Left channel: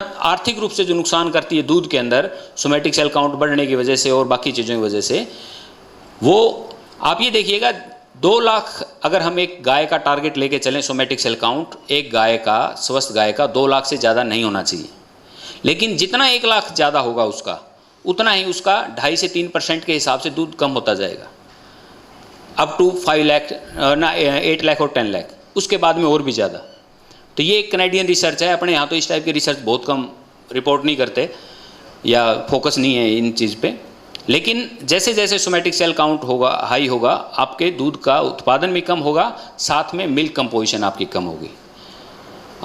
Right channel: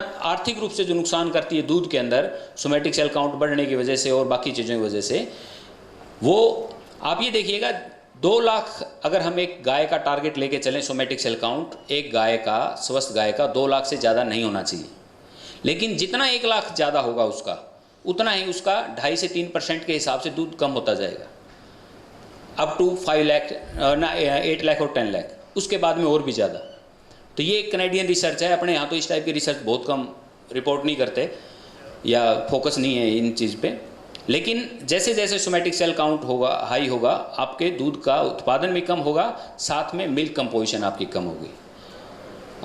आर्थिक रूप से जो नुकसान करती है दूध के अंदर सोमैटिक सेल काउंट बढ़ने की वजह से और बाकी चीज़ों की वजह से, वो आप ये देखिएगा 2 लाख अगर हम एक गाय का टारगेट लेके चलें सोमैटिक सेल काउंट, एक गाय का, स्वस्थ गाय का 2 लाख से ज़्यादा नहीं होना चाहिए। लेकिन जितना 1 लाख ज़्यादा होगा उसका, उतना ही उसका 2.5 से 3% के हिसाब से दूध कम होता जाएगा, अप टू 5 लाख ना 8 लाख और 10 लाख, उसके बाद में और भी ज़्यादा। तो ये एक कनेडियन रिसर्च है। अपने यहाँ तो इस टाइप की रिसर्च बहुत कम रिपोर्ट नहीं करते या फोकस नहीं है इन चीज़ पे। लेकिन जैसे जैसे सोमैटिक सेल काउंट होगा, हाई होगा, आपके दूध का उत्पादन भी कम होगा, साथ में मिल्क कंपोजिशन आपकी कम होगी।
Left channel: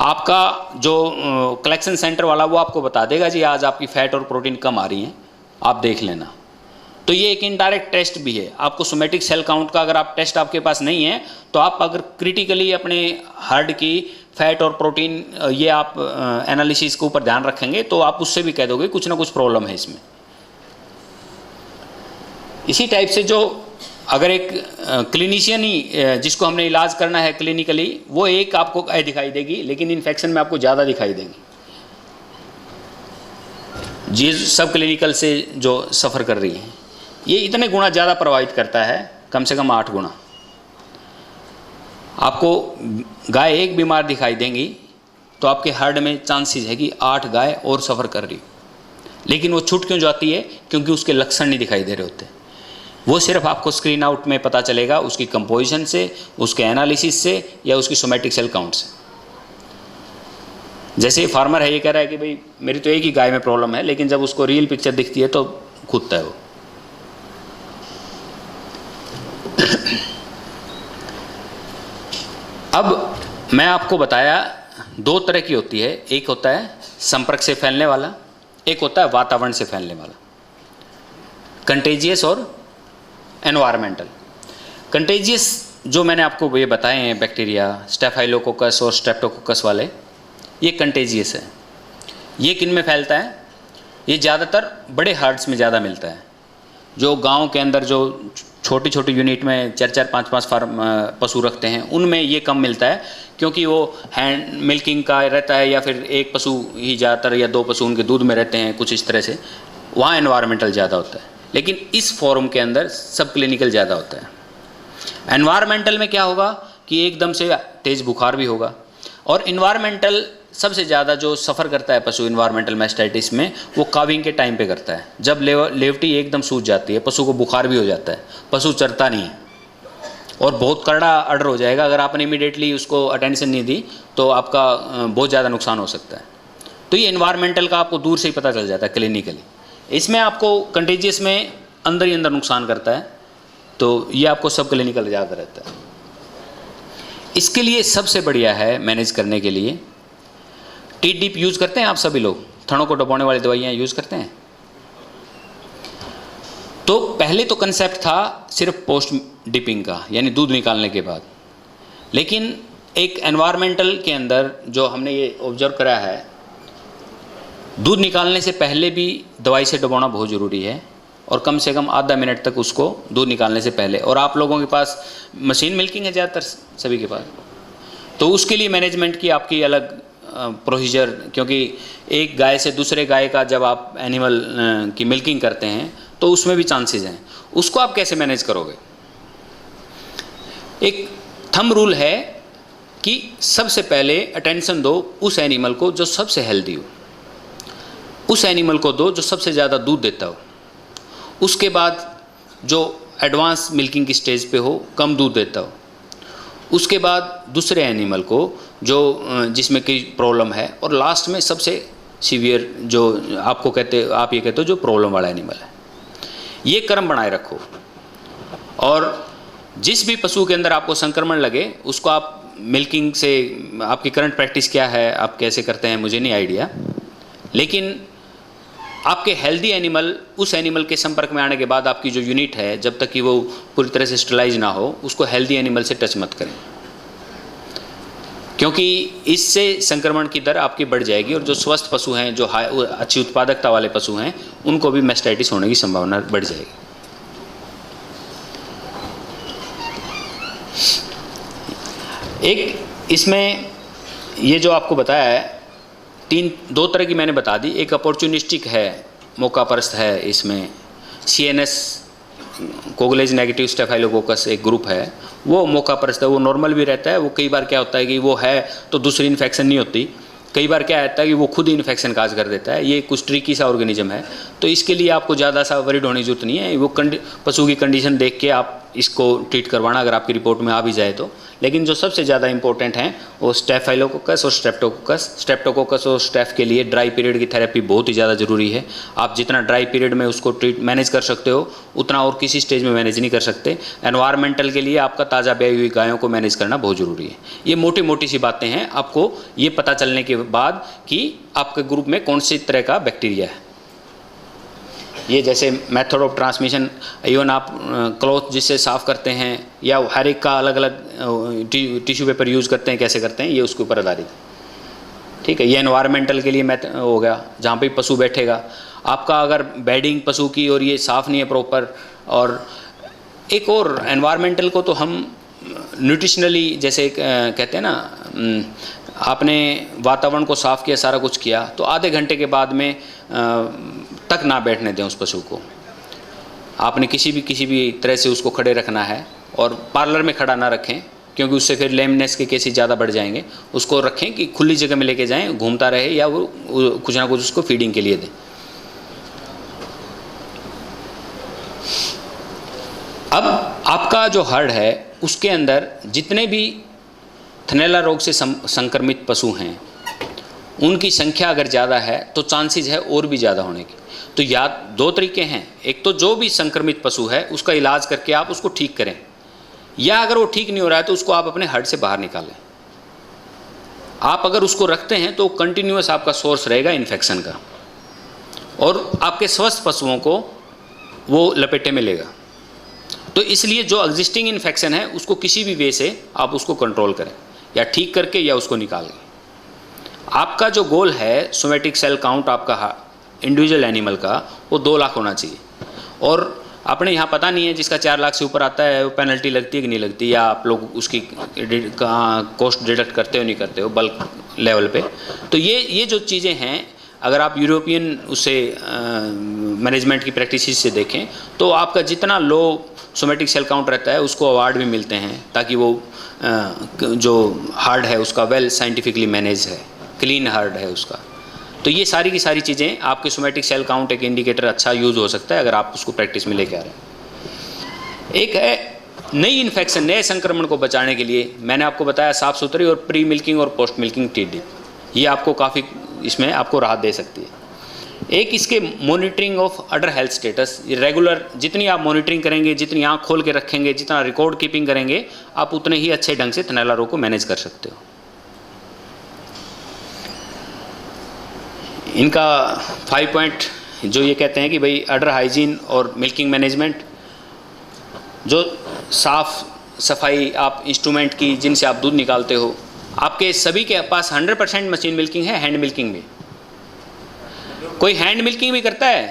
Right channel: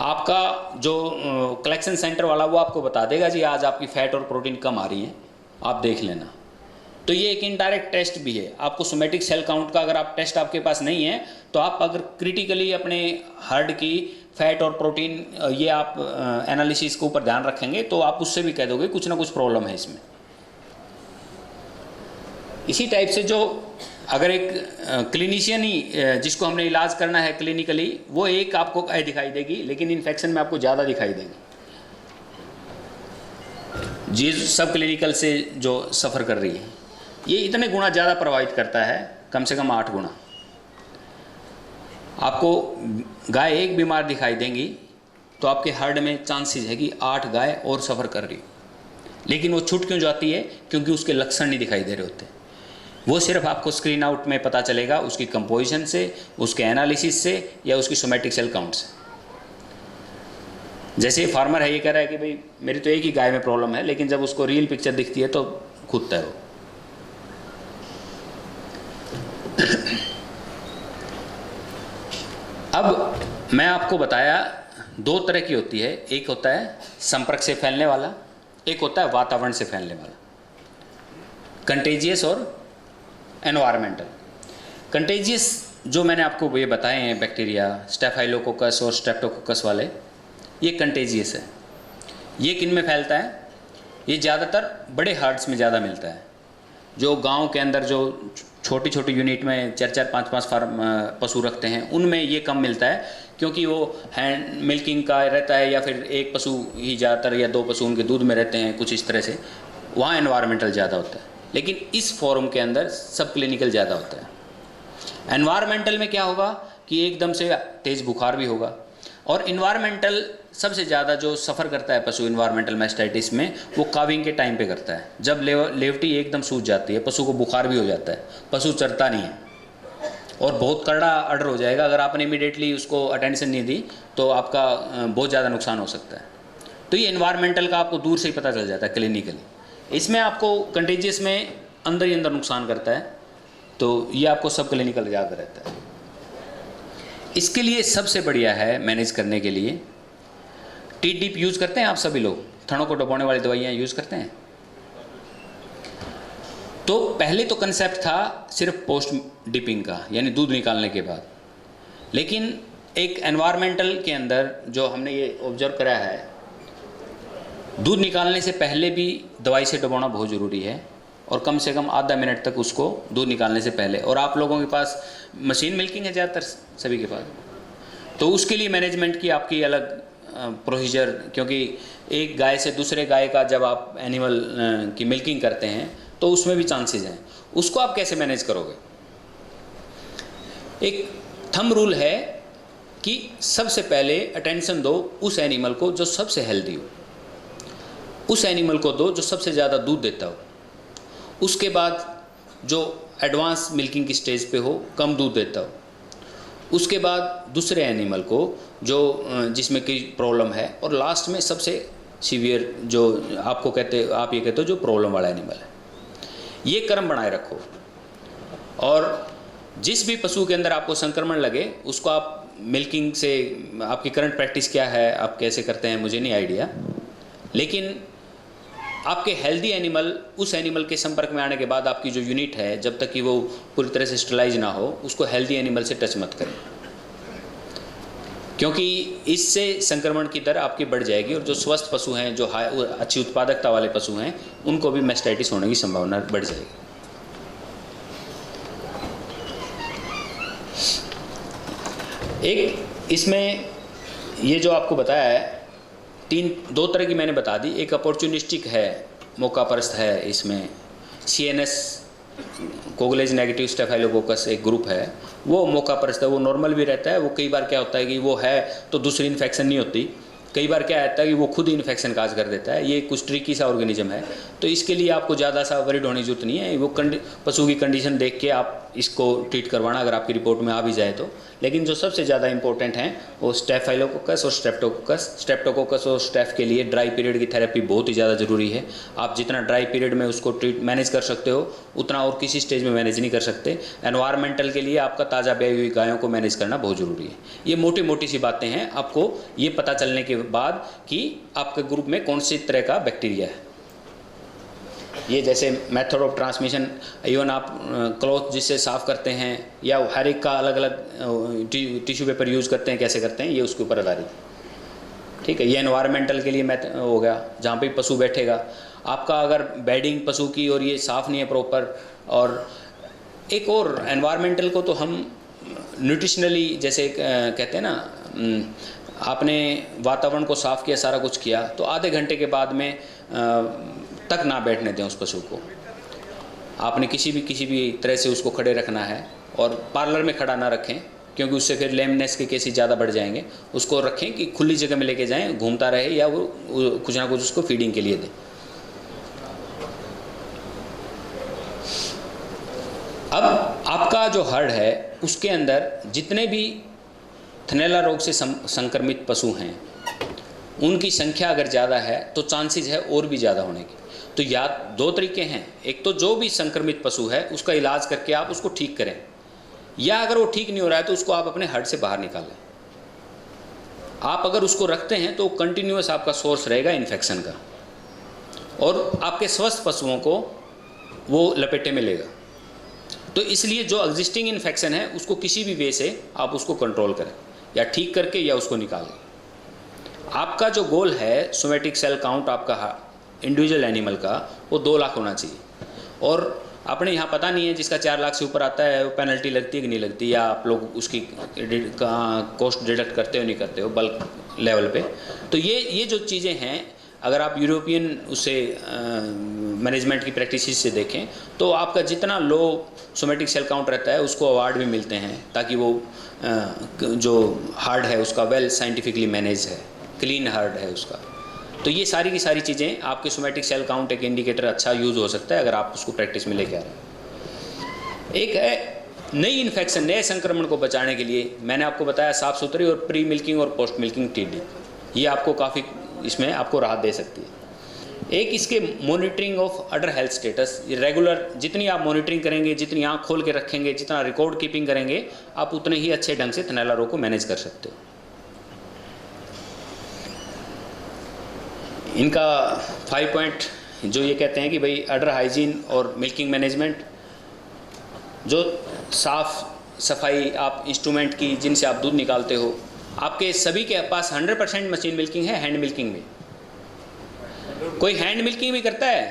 आपका जो कलेक्शन सेंटर वाला वो आपको बता देगा जी आज आपकी फैट और प्रोटीन कम आ रही है, आप देख लेना। तो ये एक इनडायरेक्ट टेस्ट भी है। आपको सोमैटिक सेल काउंट का अगर आप टेस्ट आपके पास नहीं है तो आप अगर क्रिटिकली अपने हार्ट की फैट और प्रोटीन ये आप एनालिसिस के ऊपर ध्यान रखेंगे तो आप उससे भी कह दोगे कुछ ना कुछ प्रॉब्लम है इसमें। इसी टाइप से जो अगर एक क्लिनिशियन ही जिसको हमने इलाज करना है क्लिनिकली, वो एक आपको दिखाई देगी, लेकिन इन्फेक्शन में आपको ज़्यादा दिखाई देगी। जी सब क्लिनिकल से जो सफ़र कर रही है, ये इतने गुना ज़्यादा प्रभावित करता है, कम से कम 8 गुना। आपको गाय एक बीमार दिखाई देंगी तो आपके हर्ड में चांसेस है कि 8 गाय और सफ़र कर रही, लेकिन वो छूट क्यों जाती है? क्योंकि उसके लक्षण नहीं दिखाई दे रहे होते। वो सिर्फ आपको स्क्रीन आउट में पता चलेगा उसकी कंपोजिशन से, उसके एनालिसिस से या उसकी सोमैटिक सेल काउंट से। जैसे फार्मर है, ये कह रहा है कि भाई मेरी तो एक ही गाय में प्रॉब्लम है, लेकिन जब उसको रियल पिक्चर दिखती है तो खुदता है वो। अब मैं आपको बताया 2 तरह की होती है, एक होता है संपर्क से फैलने वाला, एक होता है वातावरण से फैलने वाला, कंटेजियस और एनवायरमेंटल। कंटेजियस जो मैंने आपको ये बताए हैं बैक्टीरिया, स्टेफाइलोकोकस और स्ट्रेप्टोकोकस वाले, ये कंटेजियस है। ये किन में फैलता है? ये ज़्यादातर बड़े हर्ड्स में ज़्यादा मिलता है। जो गांव के अंदर जो छोटी छोटी यूनिट में 4-4, 5-5 फार्म पशु रखते हैं, उनमें ये कम मिलता है, क्योंकि वो हैंड मिल्किंग का रहता है या फिर एक पशु ही ज़्यादातर या 2 पशु उनके दूध में रहते हैं, कुछ इस तरह से, वहाँ एनवायरमेंटल ज़्यादा होता है। लेकिन इस फॉर्म के अंदर सब क्लिनिकल ज़्यादा होता है। एनवायरमेंटल में क्या होगा कि एकदम से तेज़ बुखार भी होगा। और इन्वायरमेंटल सबसे ज़्यादा जो सफ़र करता है पशु इन्वायरमेंटल मैस्टाइटिस में, वो काविंग के टाइम पे करता है। जब लेवटी एकदम सूज जाती है, पशु को बुखार भी हो जाता है, पशु चरता नहीं है और बहुत कड़ा ऑर्डर हो जाएगा। अगर आपने इमीडिएटली उसको अटेंशन नहीं दी तो आपका बहुत ज़्यादा नुकसान हो सकता है। तो ये इन्वायरमेंटल का आपको दूर से ही पता चल जाता है क्लिनिकली। इसमें आपको कंटेजियस में अंदर ही अंदर नुकसान करता है, तो ये आपको सब क्लिनिकल ज़्यादा रहता है। इसके लिए सबसे बढ़िया है मैनेज करने के लिए, टी डिप यूज़ करते हैं आप सभी लोग, थनों को दबाने वाली दवाइयाँ यूज़ करते हैं। तो पहले तो कंसेप्ट था सिर्फ पोस्ट डिपिंग का, यानी दूध निकालने के बाद। लेकिन एक एनवायरमेंटल के अंदर जो हमने ये ऑब्जर्व करा है, दूध निकालने से पहले भी दवाई से डुबाना बहुत ज़रूरी है, और कम से कम आधा मिनट तक उसको दूध निकालने से पहले। और आप लोगों के पास मशीन मिल्किंग है ज़्यादातर सभी के पास, तो उसके लिए मैनेजमेंट की आपकी अलग प्रोसीजर, क्योंकि एक गाय से दूसरे गाय का जब आप एनिमल की मिल्किंग करते हैं तो उसमें भी चांसेस हैं। उसको आप कैसे मैनेज करोगे? एक थंब रूल है कि सबसे पहले अटेंशन दो उस एनिमल को जो सबसे हेल्दी हो, उस एनिमल को दो जो सबसे ज़्यादा दूध देता हो। उसके बाद जो एडवांस मिल्किंग की स्टेज पे हो, कम दूध देता हो। उसके बाद दूसरे एनिमल को जो जिसमें कोई प्रॉब्लम है, और लास्ट में सबसे सीवियर जो आप ये कहते हो जो प्रॉब्लम वाला एनिमल है। ये क्रम बनाए रखो, और जिस भी पशु के अंदर आपको संक्रमण लगे उसको आप मिल्किंग से, आपकी करंट प्रैक्टिस क्या है, आप कैसे करते हैं मुझे नहीं आइडिया, लेकिन आपके हेल्दी एनिमल उस एनिमल के संपर्क में आने के बाद आपकी जो यूनिट है, जब तक कि वो पूरी तरह से स्टरलाइज ना हो, उसको हेल्दी एनिमल से टच मत करें, क्योंकि इससे संक्रमण की दर आपकी बढ़ जाएगी। और जो स्वस्थ पशु हैं, जो अच्छी उत्पादकता वाले पशु हैं, उनको भी मैस्टाइटिस होने की संभावना बढ़ जाएगी। एक इसमें ये जो आपको बताया है दो तरह की मैंने बता दी। एक अपॉर्चुनिस्टिक है, मौका परस्त है, इसमें CNS कोगुलेज नेगेटिव स्टेफाइलोकोकस एक ग्रुप है, वो मौका परस्त है, वो नॉर्मल भी रहता है। वो कई बार क्या होता है कि वो है तो दूसरी इन्फेक्शन नहीं होती, कई बार क्या रहता है कि वो खुद ही इन्फेक्शन काज कर देता है। ये कुछ ट्रिकी सा ऑर्गेनिज्म है, तो इसके लिए आपको ज़्यादा सा वरीड होने की जरूरत नहीं है। वो पशु की कंडीशन देख के आप इसको ट्रीट करवाना, अगर आपकी रिपोर्ट में आ भी जाए तो। लेकिन जो सबसे ज़्यादा इंपॉर्टेंट हैं वो स्टेफाइलोकोकस और स्ट्रेप्टोकोकस। स्ट्रेप्टोकोकस और स्टेफ के लिए ड्राई पीरियड की थेरेपी बहुत ही ज़्यादा ज़रूरी है। आप जितना ड्राई पीरियड में उसको मैनेज कर सकते हो उतना और किसी स्टेज में मैनेज नहीं कर सकते। एनवायरमेंटल के लिए आपका ताज़ा ब्याई हुई गायों को मैनेज करना बहुत ज़रूरी है। ये मोटी मोटी सी बातें हैं, आपको ये पता चलने के बाद कि आपके ग्रुप में कौन सी तरह का बैक्टीरिया है। ये जैसे मेथड ऑफ ट्रांसमिशन, इवन आप क्लॉथ जिससे साफ़ करते हैं या हर एक का अलग अलग टिश्यू पेपर यूज़ करते हैं, कैसे करते हैं, ये उसके ऊपर आधारित है। ठीक है, ये एनवायरमेंटल के लिए मेथड हो गया, जहाँ पे पशु बैठेगा। आपका अगर बेडिंग पशु की और ये साफ़ नहीं है प्रॉपर, और एक और एनवायरमेंटल को तो हम न्यूट्रिशनली जैसे कहते हैं ना, आपने वातावरण को साफ़ किया, सारा कुछ किया, तो आधे घंटे के बाद में तक ना बैठने दें उस पशु को। आपने किसी भी तरह से उसको खड़े रखना है, और पार्लर में खड़ा ना रखें क्योंकि उससे फिर लेमनेस के केसेस ज़्यादा बढ़ जाएंगे। उसको रखें कि खुली जगह में लेके जाएं, घूमता रहे, या वो कुछ ना कुछ उसको फीडिंग के लिए दें। अब आपका जो हर्ड है उसके अंदर जितने भी थनैला रोग से संक्रमित पशु हैं उनकी संख्या अगर ज़्यादा है तो चांसेस है और भी ज़्यादा होने की। तो या दो तरीके हैं, एक तो जो भी संक्रमित पशु है उसका इलाज करके आप उसको ठीक करें, या अगर वो ठीक नहीं हो रहा है तो उसको आप अपने हर्ड से बाहर निकालें। आप अगर उसको रखते हैं तो कंटिन्यूअस आपका सोर्स रहेगा इन्फेक्शन का, और आपके स्वस्थ पशुओं को वो लपेटे में लेगा। तो इसलिए जो एग्जिस्टिंग इन्फेक्शन है उसको किसी भी वे से आप उसको कंट्रोल करें, या ठीक करके या उसको निकालें। आपका जो गोल है सोमेटिक सेल काउंट आपका इंडिविजुअल एनिमल का, वो 2 लाख होना चाहिए। और अपने यहाँ पता नहीं है जिसका 4 लाख से ऊपर आता है वो पेनल्टी लगती है कि नहीं लगती, या आप लोग उसकी कॉस्ट डिडक्ट करते हो नहीं करते हो बल्क लेवल पे। तो ये जो चीज़ें हैं, अगर आप यूरोपियन उससे मैनेजमेंट की प्रैक्टिस से देखें तो आपका जितना लो सोमेटिक सेल काउंट रहता है उसको अवार्ड भी मिलते हैं, ताकि वो जो हार्ड है उसका वेल साइंटिफिकली मैनेज है, क्लीन हार्ड है उसका। तो ये सारी की सारी चीज़ें आपके सोमेटिक सेल काउंट एक इंडिकेटर अच्छा यूज़ हो सकता है अगर आप उसको प्रैक्टिस में लेके आ रहे हैं। एक है नई इन्फेक्शन, नए संक्रमण को बचाने के लिए मैंने आपको बताया साफ़ सुथरी और प्री मिल्किंग और पोस्ट मिल्किंग टीडी, ये आपको काफ़ी इसमें आपको राहत दे सकती है। एक इसके monitoring of order health status, ये रेगुलर जितनी आप मॉनिटरिंग करेंगे, जितनी आँख खोल के रखेंगे, जितना रिकॉर्ड कीपिंग करेंगे, आप उतने ही अच्छे ढंग से थनैला रोग को मैनेज कर सकते हो। इनका 5 पॉइंट जो ये कहते हैं कि भाई अडर हाइजीन और मिल्किंग मैनेजमेंट, जो साफ सफाई आप इंस्ट्रूमेंट की जिनसे आप दूध निकालते हो, आपके सभी के पास 100% मशीन मिल्किंग है, हैंड मिल्किंग में। कोई हैंड मिल्किंग भी करता है?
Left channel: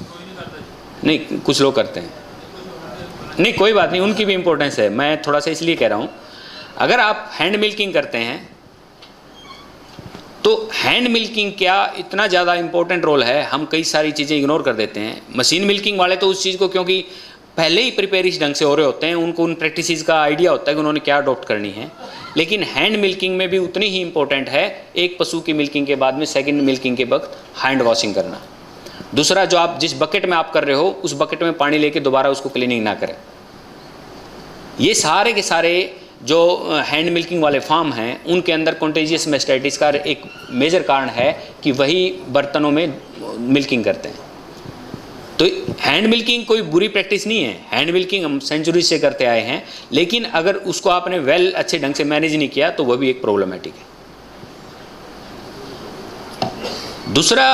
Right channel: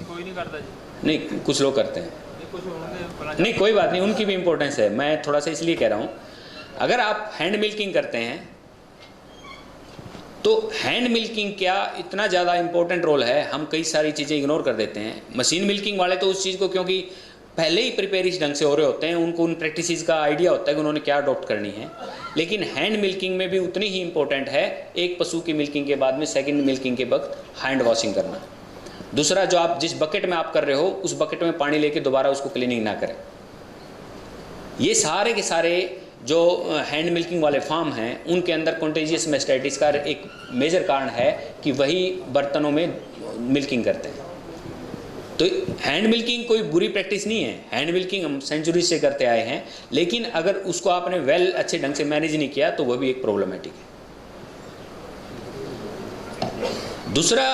कोई नहीं करता जी। नहीं, कुछ लोग करते हैं। नहीं, कोई बात नहीं, उनकी भी इम्पोर्टेंस है। मैं थोड़ा सा इसलिए कह रहा हूँ, अगर आप हैंड मिल्किंग करते हैं तो हैंड मिल्किंग क्या इतना ज़्यादा इम्पोर्टेंट रोल है, हम कई सारी चीज़ें इग्नोर कर देते हैं। मशीन मिल्किंग वाले तो उस चीज़ को क्योंकि पहले ही प्रिपेयर इस ढंग से हो रहे होते हैं, उनको उन प्रैक्टिसेस का आइडिया होता है कि उन्होंने क्या अडॉप्ट करनी है। लेकिन हैंड मिल्किंग में भी उतनी ही इंपॉर्टेंट है, एक पशु की मिल्किंग के बाद में सेकंड मिल्किंग के वक्त हैंड वॉशिंग करना। दूसरा, जो आप जिस बकेट में आप कर रहे हो उस बकेट में पानी लेके दोबारा उसको क्लीनिंग ना करें। ये सारे के सारे जो हैंड मिल्किंग वाले फार्म हैं उनके अंदर कॉन्टेजियस मैस्टाइटिस का एक मेजर कारण है कि वही बर्तनों में मिल्किंग करते हैं। तो हैंड मिल्किंग कोई बुरी प्रैक्टिस नहीं है, हैंड मिल्किंग हम सेंचुरी से करते आए हैं, लेकिन अगर उसको आपने वेल अच्छे ढंग से मैनेज नहीं किया तो वह भी एक प्रॉब्लमेटिक है। दूसरा,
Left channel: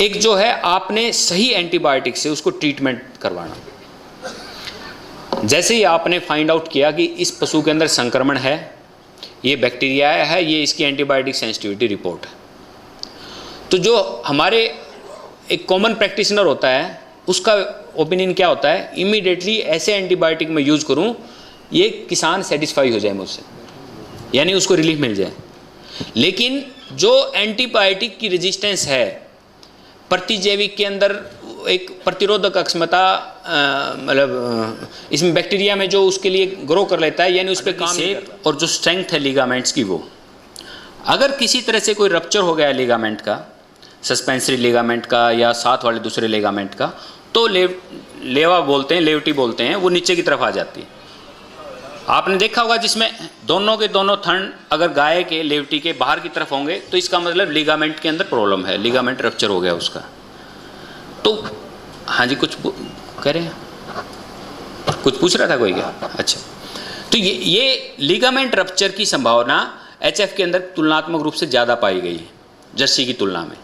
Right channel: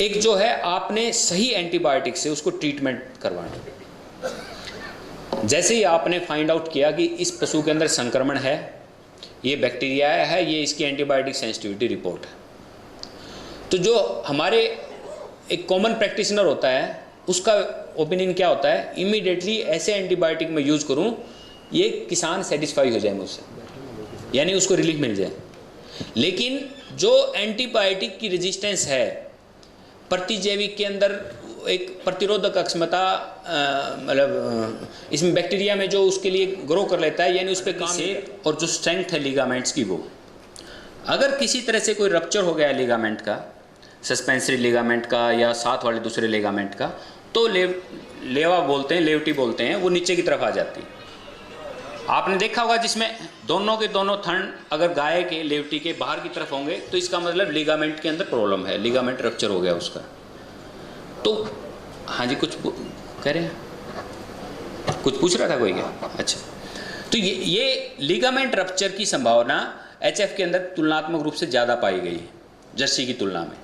एक जो है आपने सही एंटीबायोटिक से उसको ट्रीटमेंट करवाना। जैसे ही आपने फाइंड आउट किया कि इस पशु के अंदर संक्रमण है, ये बैक्टीरिया है, ये इसकी एंटीबायोटिक सेंसिटिविटी रिपोर्ट है, तो जो हमारे एक कॉमन प्रैक्टिशनर होता है उसका ओपिनियन क्या होता है, इमीडिएटली ऐसे एंटीबायोटिक मैं यूज़ करूं ये किसान सेटिस्फाई हो जाए मुझसे, यानी उसको रिलीफ मिल जाए। लेकिन जो एंटीबायोटिक की रेजिस्टेंस है, प्रतिजैविक के अंदर एक प्रतिरोधक अक्षमता, मतलब इसमें बैक्टीरिया में जो उसके लिए ग्रो कर लेता है, यानी उस पर काम शेप और जो स्ट्रेंथ है लिगामेंट्स की, वो अगर किसी तरह से कोई रप्चर हो गया है लिगामेंट का, सस्पेंसरी लिगामेंट का या साथ वाले दूसरे लिगामेंट का, तो लेवा बोलते हैं, लेवटी बोलते हैं, वो नीचे की तरफ आ जाती है। आपने देखा होगा जिसमें दोनों के दोनों थन अगर गाय के लेवटी के बाहर की तरफ होंगे तो इसका मतलब लिगामेंट के अंदर प्रॉब्लम है, लिगामेंट रप्चर हो गया उसका। तो हाँ जी, कुछ कह रहे हैं, कुछ पूछ रहा था कोई क्या? अच्छा, तो ये लिगामेंट रप्चर की संभावना एचएफ के अंदर तुलनात्मक रूप से ज़्यादा पाई गई है जर्सी की तुलना में।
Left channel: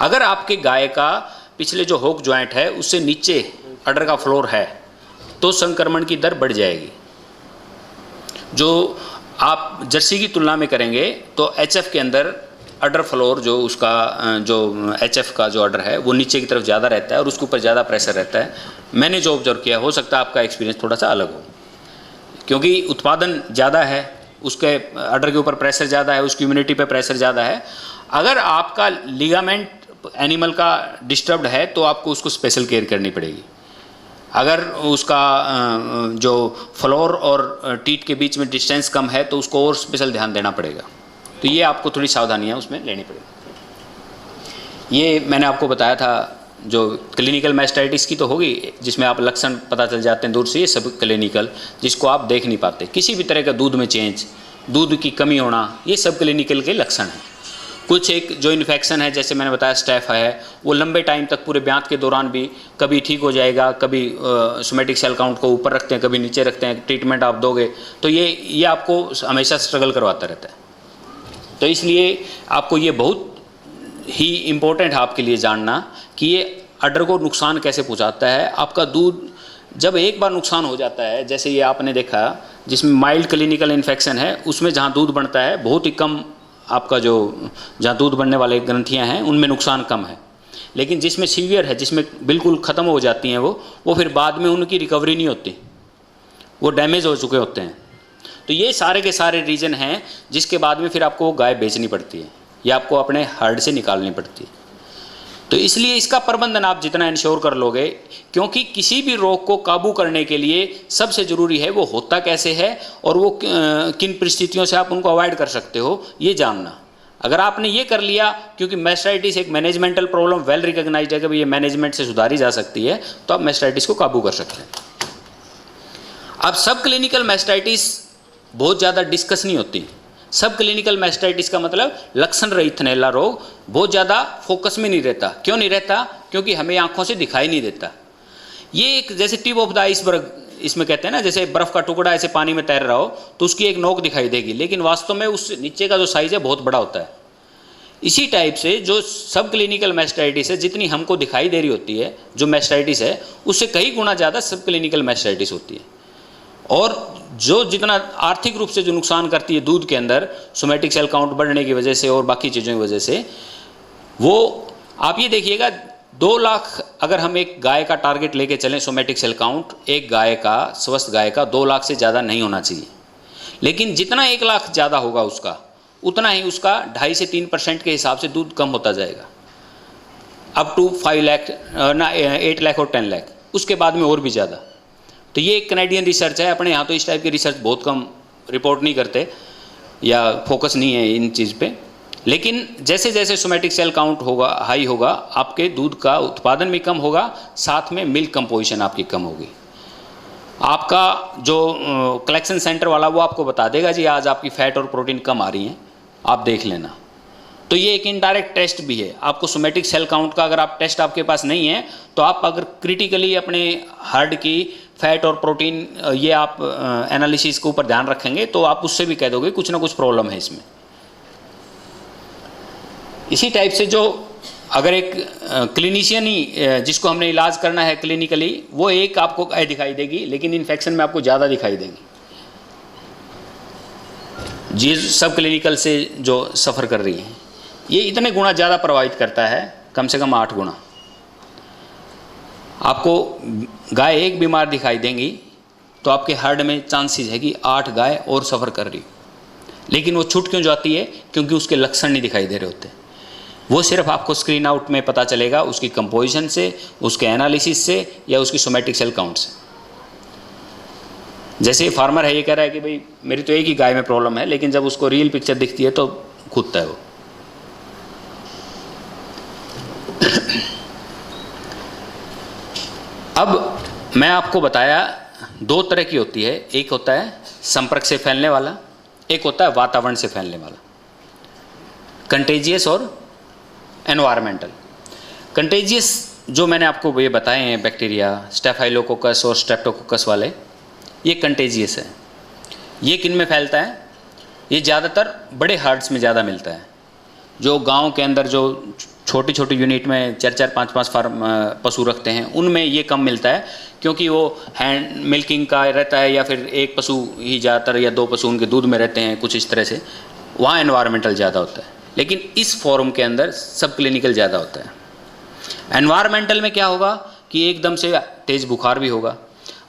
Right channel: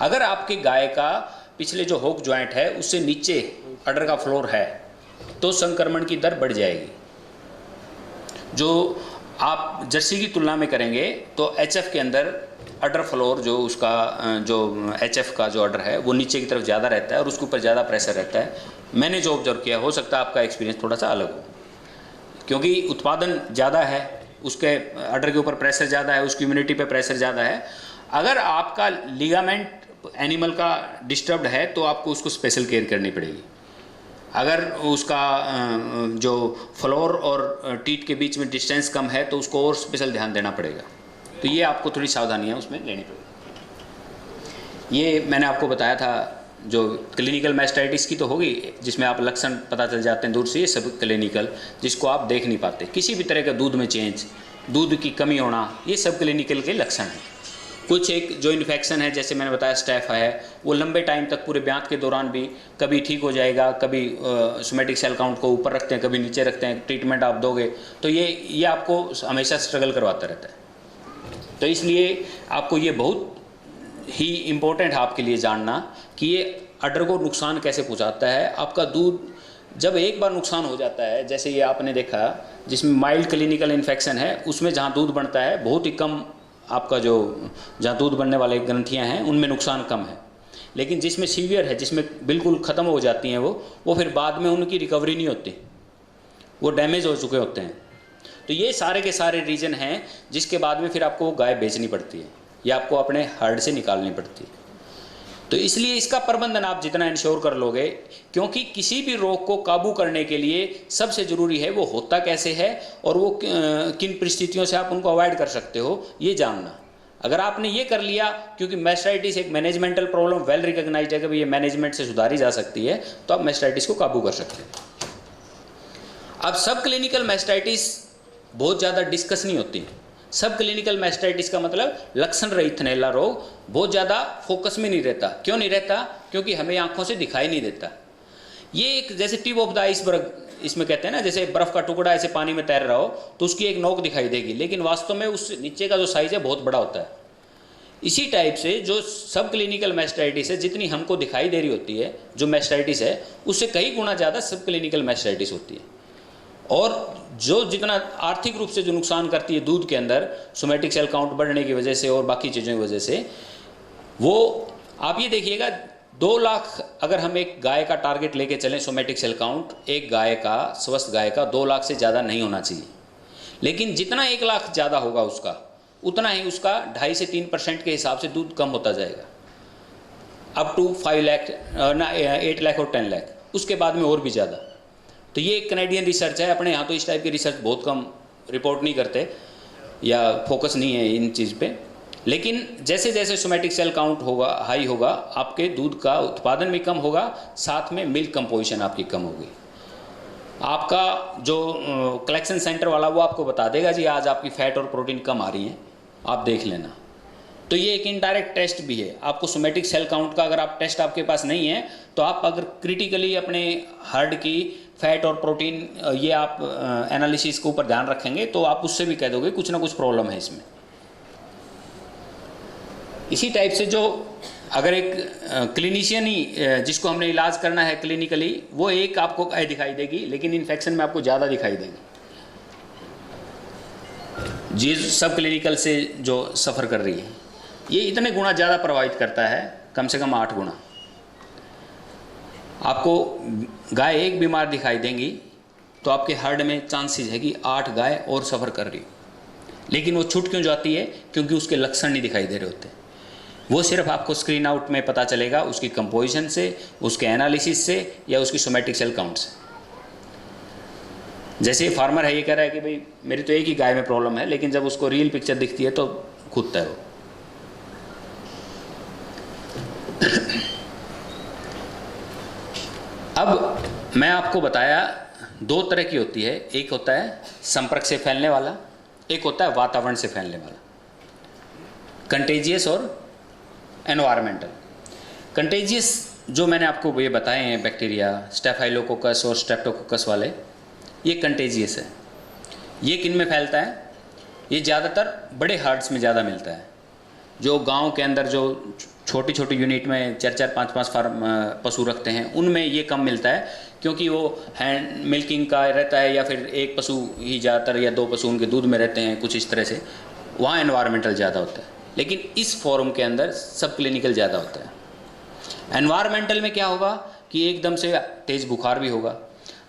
अगर आपके गाय का पिछले जो होक ज्वाइंट है उससे नीचे अडर का फ्लोर है तो संक्रमण की दर बढ़ जाएगी। जो आप जर्सी की तुलना में करेंगे तो एचएफ के अंदर अडर फ्लोर जो उसका जो एचएफ का जो अडर है वो नीचे की तरफ ज़्यादा रहता है और उसके ऊपर ज़्यादा प्रेशर रहता है। मैंने जो ऑब्जर्व किया, हो सकता है आपका एक्सपीरियंस थोड़ा सा अलग हो, क्योंकि उत्पादन ज़्यादा है, उसके अडर के ऊपर प्रेशर ज़्यादा है, उसकी इम्यूनिटी पे प्रेशर ज़्यादा है। अगर आपका लिगामेंट एनिमल का डिस्टर्ब्ड है तो आपको उसको स्पेशल केयर करनी पड़ेगी। अगर उसका जो फ्लोर और टीट के बीच में डिस्टेंस कम है तो उसको और स्पेशल ध्यान देना पड़ेगा। तो ये आपको थोड़ी सावधानियाँ उसमें लेनी पड़ेगी। ये मैंने आपको बताया था, जो क्लिनिकल मैस्टाइटिस की तो होगी जिसमें आप लक्षण पता चल जाते हैं दूर से, ये सब क्लिनिकल जिसको आप देख नहीं पाते। किसी भी तरह का दूध में चेंज, दूध की कमी होना, ये सब क्लिनिकल के लक्षण हैं। कुछ एक जो इन्फेक्शन है, जैसे मैंने बताया स्टैफ है, वो लंबे टाइम तक पूरे ब्यात के दौरान भी कभी ठीक हो जाएगा, कभी सोमेटिक सेल काउंट को ऊपर रखते हैं, कभी नीचे रखते हैं, ट्रीटमेंट आप दोगे तो ये आपको हमेशा स्ट्रगल करवाता रहता है। तो इसलिए आपको ये बहुत ही इम्पोर्टेंट है आपके लिए जानना कि ये अडर को नुकसान कैसे पहुंचाता है। आपका दूध जब एक बार नुकसान हो जाता है, जैसे ये आपने देखा जिसमें माइल्ड क्लिनिकल इन्फेक्शन है, उसमें जहाँ दूध बनता है बहुत ही कम, आपका जो जहाँ दूध बनने वाले ग्रंथियाँ हैं उनमें नुकसान कम है। लेकिन जिसमें सीवियर है, जिसमें बिल्कुल ख़त्म हो जाती हैं वो फिर बाद में उनकी रिकवरी नहीं होती, वो डैमेज हो चुके होते हैं। तो ये सारे के सारे रीज़न हैं जिसके बाद में फिर आपको वो गाय बेचनी पड़ती है या आपको अपने हर्ड से निकालनी पड़ती है। तो इसलिए इसका प्रबंधन आप जितना इंश्योर कर लोगे, क्योंकि किसी भी रोग को काबू करने के लिए सबसे ज़रूरी है वो होता कैसे है और वो किन परिस्थितियों से आप उनको अवॉइड कर सकते हो, ये जानना। अगर आपने ये कर लिया, क्योंकि मैस्टाइटिस एक मैनेजमेंटल प्रॉब्लम वेल रिकॉग्नाइज्ड है कि ये मैनेजमेंट से सुधारी जा सकती है, तो आप मैस्टाइटिस को काबू कर सकते हैं। अब सब क्लिनिकल मैस्टाइटिस बहुत ज़्यादा डिस्कस नहीं होती। सब क्लिनिकल मैस्टाइटिस का मतलब लक्षण रहित थनैला रोग बहुत ज़्यादा फोकस में नहीं रहता। क्यों नहीं रहता? क्योंकि हमें आंखों से दिखाई नहीं देता। ये एक जैसे टिप ऑफ द आइसबर्ग इसमें कहते हैं ना, जैसे बर्फ़ का टुकड़ा ऐसे पानी में तैर रहा हो तो उसकी एक नोक दिखाई देगी, लेकिन वास्तव में उस नीचे का जो साइज़ है बहुत बड़ा होता है। इसी टाइप से जो सब क्लिनिकल मैस्टाइटिस है, जितनी हमको दिखाई दे रही होती है जो मैस्टाइटिस है, उससे कई गुना ज़्यादा सब क्लिनिकल मैस्टाइटिस होती है। और जो जितना आर्थिक रूप से जो नुकसान करती है दूध के अंदर सोमेटिक सेल काउंट बढ़ने की वजह से और बाकी चीज़ों की वजह से, वो आप ये देखिएगा 2 लाख अगर हम एक गाय का टारगेट लेके चलें सोमेटिक सेल काउंट, एक गाय का, स्वस्थ गाय का 2 लाख से ज़्यादा नहीं होना चाहिए। लेकिन जितना 1 लाख ज़्यादा होगा उसका, उतना ही उसका 2.5 से 3% के हिसाब से दूध कम होता जाएगा, अप टू 5 लाख ना 8 लाख और 10 लाख, उसके बाद में और भी ज़्यादा। तो ये एक कैनेडियन रिसर्च है। अपने यहाँ तो इस टाइप की रिसर्च बहुत कम रिपोर्ट नहीं करते या फोकस नहीं है इन चीज़ पे। लेकिन जैसे जैसे सोमेटिक सेल काउंट होगा, हाई होगा, आपके दूध का उत्पादन भी कम होगा, साथ में मिल्क कंपोजिशन आपकी कम होगी। आपका जो कलेक्शन सेंटर वाला वो आपको बता देगा जी आज आपकी फैट और प्रोटीन कम आ रही हैं, आप देख लेना। तो ये एक इनडायरेक्ट टेस्ट भी है। आपको सोमेटिक सेल काउंट का अगर आप टेस्ट आपके पास नहीं है तो आप अगर क्रिटिकली अपने हर्ड की फैट और प्रोटीन ये आप एनालिसिस के ऊपर ध्यान रखेंगे तो आप उससे भी कह दोगे कुछ ना कुछ प्रॉब्लम है इसमें। इसी टाइप से जो अगर एक क्लिनिशियन ही जिसको हमने इलाज करना है क्लिनिकली, वो एक आपको दिखाई देगी, लेकिन इन्फेक्शन में आपको ज़्यादा दिखाई देगी। जी सब क्लिनिकल से जो सफ़र कर रही है ये इतने गुना ज़्यादा प्रभावित करता है, कम से कम 8 गुना। आपको गाय एक बीमार दिखाई देंगी तो आपके हर्ड में चांसेस है कि 8 गाय और सफ़र कर रही। लेकिन वो छूट क्यों जाती है? क्योंकि उसके लक्षण नहीं दिखाई दे रहे होते। वो सिर्फ आपको स्क्रीन आउट में पता चलेगा उसकी कंपोजिशन से, उसके एनालिसिस से या उसकी सोमैटिक सेल काउंट से। जैसे फार्मर है, ये कह रहा है कि भाई मेरी तो एक ही गाय में प्रॉब्लम है, लेकिन जब उसको रियल पिक्चर दिखती है तो कूदता है वो। अब मैं आपको बताया दो तरह की होती है, एक होता है संपर्क से फैलने वाला, एक होता है वातावरण से फैलने वाला, कंटेजियस और एनवायरमेंटल। कंटेजियस जो मैंने आपको ये बताए हैं, बैक्टीरिया स्टेफाइलोकोकस और स्ट्रेप्टोकोकस वाले, ये कंटेजियस है। ये किन में फैलता है? ये ज़्यादातर बड़े हार्ट्स में ज़्यादा मिलता है। जो गांव के अंदर जो छोटी छोटी यूनिट में 4-4, 5-5 फार्म पशु रखते हैं, उनमें ये कम मिलता है, क्योंकि वो हैंड मिल्किंग का रहता है, या फिर एक पशु ही ज़्यादातर या 2 पशु उनके दूध में रहते हैं, कुछ इस तरह से, वहाँ एनवायरमेंटल ज़्यादा होता है। लेकिन इस फॉर्म के अंदर सब क्लिनिकल ज़्यादा होता है। एनवायरमेंटल में क्या होगा कि एकदम से तेज़ बुखार भी होगा।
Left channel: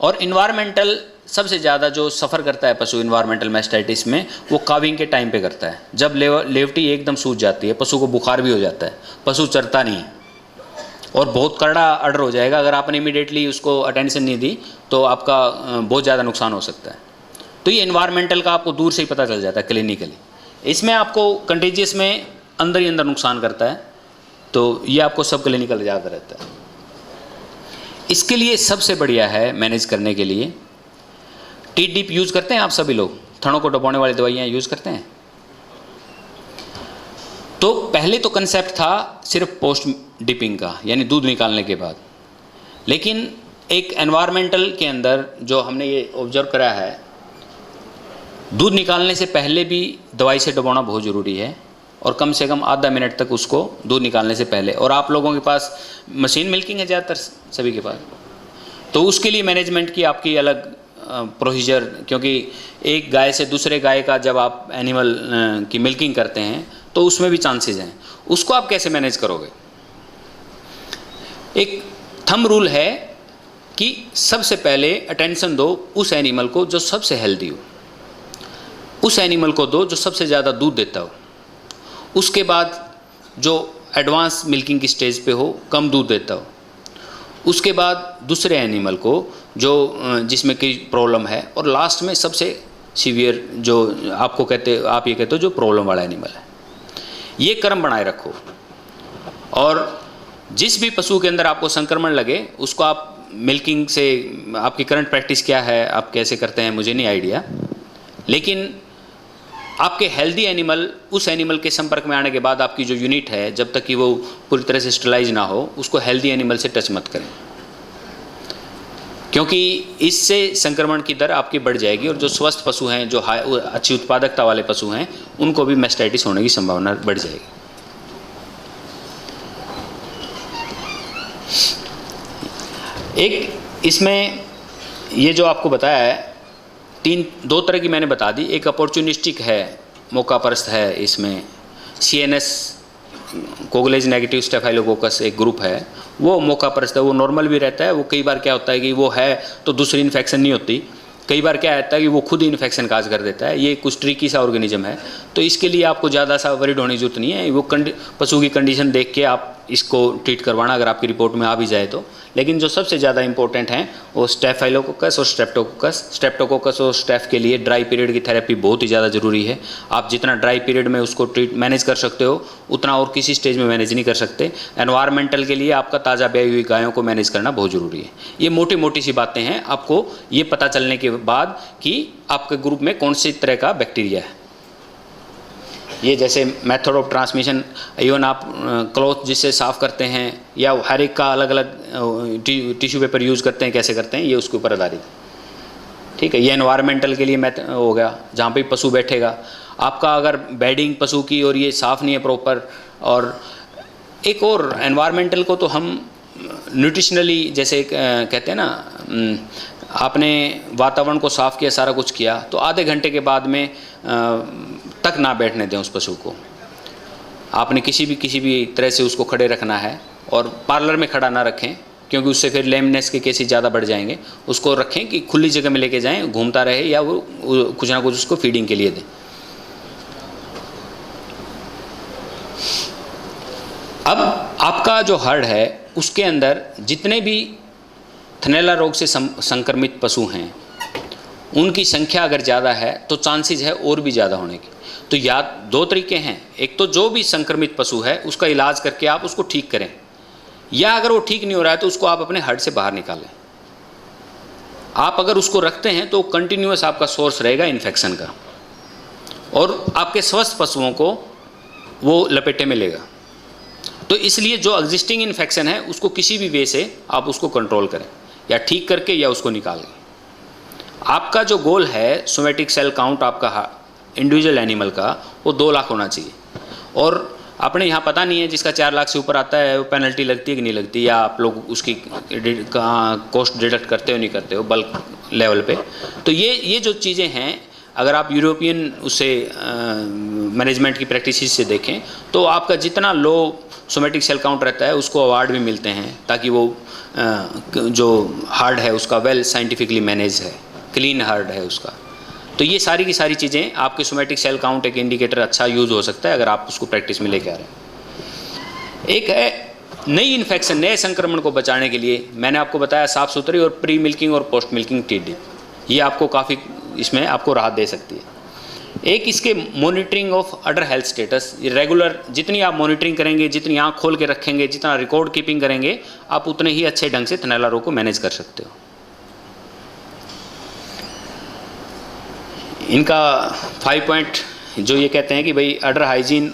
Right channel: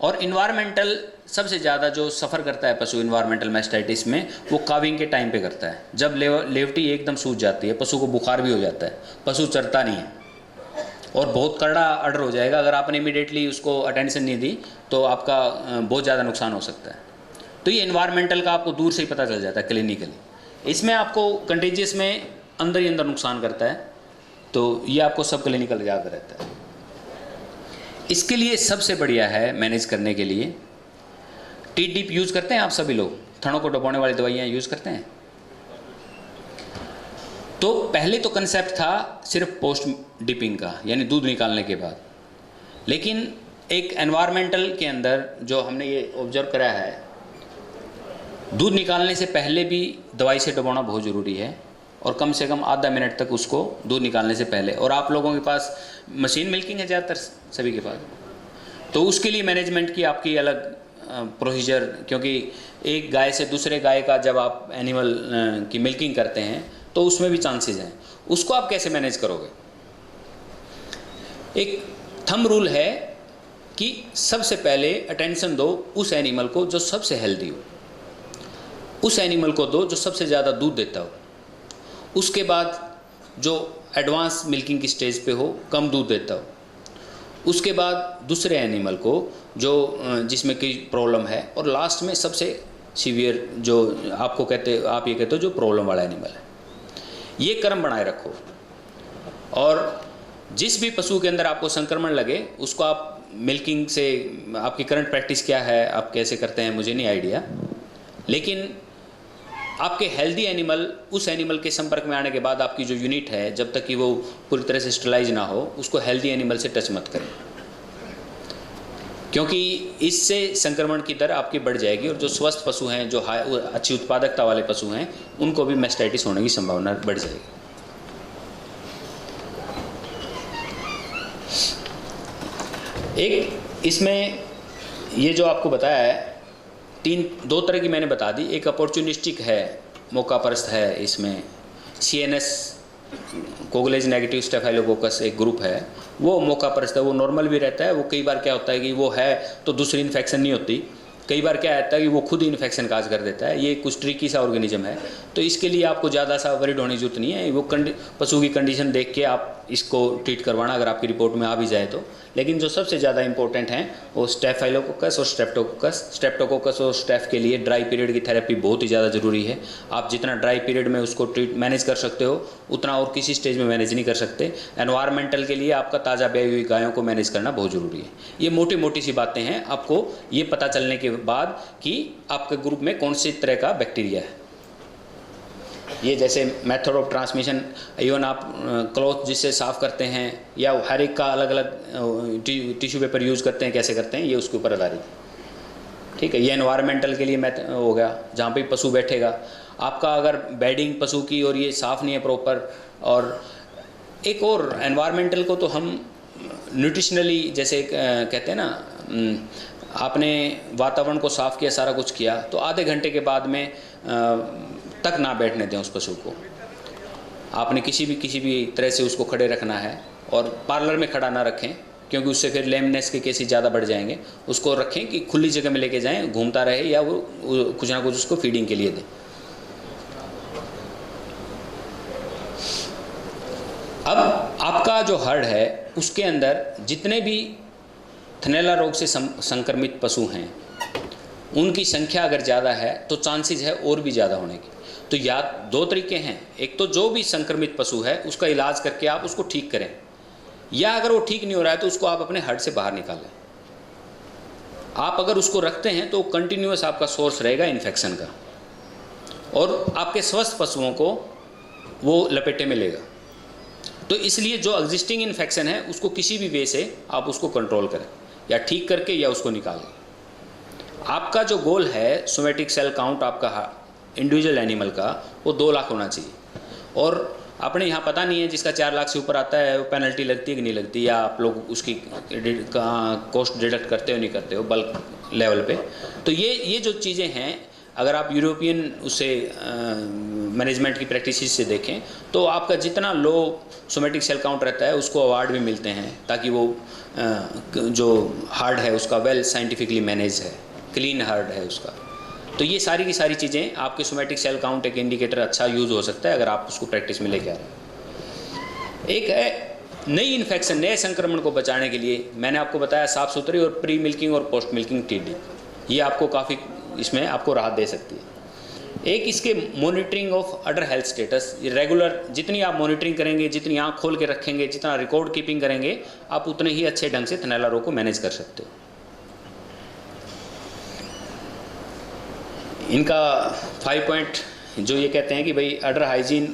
और इन्वायरमेंटल सबसे ज़्यादा जो सफ़र करता है पशु इन्वायरमेंटल मैस्टाइटिस में, वो काविंग के टाइम पे करता है। जब लेवटी एकदम सूज जाती है, पशु को बुखार भी हो जाता है, पशु चरता नहीं है और बहुत कड़ा अर्डर हो जाएगा। अगर आपने इमीडिएटली उसको अटेंशन नहीं दी तो आपका बहुत ज़्यादा नुकसान हो सकता है। तो ये इन्वायरमेंटल का आपको दूर से ही पता चल जाता है क्लिनिकली। इसमें आपको कंटेजियस में अंदर ही अंदर नुकसान करता है, तो ये आपको सब क्लिनिकल याद रहता है। इसके लिए सबसे बढ़िया है मैनेज करने के लिए, टी डिप यूज़ करते हैं आप सभी लोग, थनों को डुबोने वाली दवाइयाँ यूज़ करते हैं। तो पहले तो कंसेप्ट था सिर्फ पोस्ट डिपिंग का, यानी दूध निकालने के बाद। लेकिन एक एनवायरमेंटल के अंदर जो हमने ये ऑब्जर्व करा है, दूध निकालने से पहले भी दवाई से डुबोना बहुत ज़रूरी है, और कम से कम आधा मिनट तक उसको दूध निकालने से पहले। और आप लोगों के पास मशीन मिल्किंग है ज़्यादातर सभी के पास, तो उसके लिए मैनेजमेंट की आपकी अलग प्रोसीजर, क्योंकि एक गाय से दूसरे गाय का जब आप एनिमल की मिल्किंग करते हैं तो उसमें भी चांसेस हैं। उसको आप कैसे मैनेज करोगे? एक थंब रूल है कि सबसे पहले अटेंशन दो उस एनिमल को जो सबसे हेल्दी हो, उस एनिमल को दो जो सबसे ज़्यादा दूध देता हो। उसके बाद जो एडवांस मिल्किंग की स्टेज पे हो, कम दूध देता हो। उसके बाद दूसरे एनिमल को जो जिसमें कोई प्रॉब्लम है, और लास्ट में सबसे सीवियर जो आपको आप ये कहते हो जो प्रॉब्लम वाला एनिमल है। ये क्रम बनाए रखो, और जिस भी पशु के अंदर आपको संक्रमण लगे उसको आप मिल्किंग से, आपकी करंट प्रैक्टिस क्या है, आप कैसे करते हैं मुझे नहीं आइडिया, लेकिन आपके हेल्दी एनिमल उस एनिमल के संपर्क में आने के बाद आपकी जो यूनिट है, जब तक कि वो पूरी तरह से स्टरलाइज ना हो, उसको हेल्दी एनिमल से टच मत करें, क्योंकि इससे संक्रमण की दर आपकी बढ़ जाएगी। और जो स्वस्थ पशु हैं, जो अच्छी उत्पादकता वाले पशु हैं, उनको भी मैस्टाइटिस होने की संभावना बढ़ जाएगी। एक इसमें ये जो आपको बताया है, 2 तरह की मैंने बता दी। एक अपॉर्चुनिस्टिक है, मौका परस्त है। इसमें CNS कोगुलेज नेगेटिव स्टेफाइलोकोकस एक ग्रुप है, वो मौका परस्त है, वो नॉर्मल भी रहता है। वो कई बार क्या होता है कि वो है तो दूसरी इन्फेक्शन नहीं होती, कई बार क्या रहता है कि वो खुद ही इन्फेक्शन काज कर देता है। ये कुछ ट्रिकी सा ऑर्गेनिज्म है, तो इसके लिए आपको ज़्यादा सा वरीड होने की जरूरत नहीं है। वो पशु की कंडीशन देख के आप इसको ट्रीट करवाना, अगर आपकी रिपोर्ट में आ भी जाए तो। लेकिन जो सबसे ज़्यादा इंपॉर्टेंट हैं वो स्टेफाइलोकोकस और स्ट्रेप्टोकोकस। स्ट्रेप्टोकोकस और स्टेफ के लिए ड्राई पीरियड की थेरेपी बहुत ही ज़्यादा ज़रूरी है। आप जितना ड्राई पीरियड में उसको मैनेज कर सकते हो, उतना और किसी स्टेज में मैनेज नहीं कर सकते। एनवायरमेंटल के लिए आपका ताज़ा ब्याई हुई गायों को मैनेज करना बहुत ज़रूरी है। ये मोटी मोटी सी बातें हैं, आपको ये पता चलने के बाद कि आपके ग्रुप में कौन सी तरह का बैक्टीरिया है। ये जैसे मेथड ऑफ ट्रांसमिशन, इवन आप क्लॉथ जिससे साफ़ करते हैं, या हर एक का अलग अलग टिश्यू पेपर यूज़ करते हैं, कैसे करते हैं, ये उसके ऊपर आधारित है। ठीक है, ये एनवायरमेंटल के लिए हो गया, जहाँ पे पशु बैठेगा। आपका अगर बेडिंग पशु की और ये साफ़ नहीं है प्रॉपर, और एक और एनवायरमेंटल को तो हम न्यूट्रिशनली जैसे कहते हैं ना, आपने वातावरण को साफ़ किया, सारा कुछ किया, तो आधे घंटे के बाद में तक ना बैठने दें उस पशु को। आपने किसी भी तरह से उसको खड़े रखना है, और पार्लर में खड़ा ना रखें, क्योंकि उससे फिर लेमनेस के केसेस ज़्यादा बढ़ जाएंगे। उसको रखें कि खुली जगह में लेके जाएं, घूमता रहे, या वो कुछ ना कुछ उसको फीडिंग के लिए दें। अब आपका जो हर्ड है उसके अंदर जितने भी थनैला रोग से संक्रमित पशु हैं उनकी संख्या अगर ज़्यादा है तो चांसेस है और भी ज़्यादा होने की। तो या दो तरीके हैं, एक तो जो भी संक्रमित पशु है उसका इलाज करके आप उसको ठीक करें, या अगर वो ठीक नहीं हो रहा है तो उसको आप अपने हर्ड से बाहर निकालें। आप अगर उसको रखते हैं तो कंटिन्यूअस आपका सोर्स रहेगा इन्फेक्शन का और आपके स्वस्थ पशुओं को वो लपेटे में लेगा। तो इसलिए जो एग्जिस्टिंग इन्फेक्शन है उसको किसी भी वे से आप उसको कंट्रोल करें, या ठीक करके या उसको निकालें। आपका जो गोल है सोमेटिक सेल काउंट आपका इंडिविजुअल एनिमल का वो 2 लाख होना चाहिए, और आपने यहाँ पता नहीं है जिसका 4 लाख से ऊपर आता है वो पेनल्टी लगती है कि नहीं लगती, या आप लोग उसकी कॉस्ट डिडक्ट करते हो नहीं करते हो बल्क लेवल पे। तो ये जो चीज़ें हैं अगर आप यूरोपियन उससे मैनेजमेंट की प्रैक्टिसेस से देखें तो आपका जितना लो सोमेटिक सेल काउंट रहता है उसको अवार्ड भी मिलते हैं, ताकि वो जो हार्ड है उसका वेल साइंटिफिकली मैनेज है, क्लीन हार्ड है उसका। तो ये सारी की सारी चीज़ें आपके सोमेटिक सेल काउंट एक इंडिकेटर अच्छा यूज़ हो सकता है अगर आप उसको प्रैक्टिस में लेके आ रहे हैं। एक है नई इन्फेक्शन, नए संक्रमण को बचाने के लिए मैंने आपको बताया साफ़ सुथरी और प्री मिल्किंग और पोस्ट मिल्किंग टीडी, ये आपको काफ़ी इसमें आपको राहत दे सकती है। एक इसके monitoring of order health status, regular जितनी आप मॉनिटरिंग करेंगे, जितनी आँख खोल के रखेंगे, जितना रिकॉर्ड कीपिंग करेंगे, आप उतने ही अच्छे ढंग से थनैला रोग को मैनेज कर सकते हो। इनका 5 पॉइंट जो ये कहते हैं कि भाई अडर हाइजीन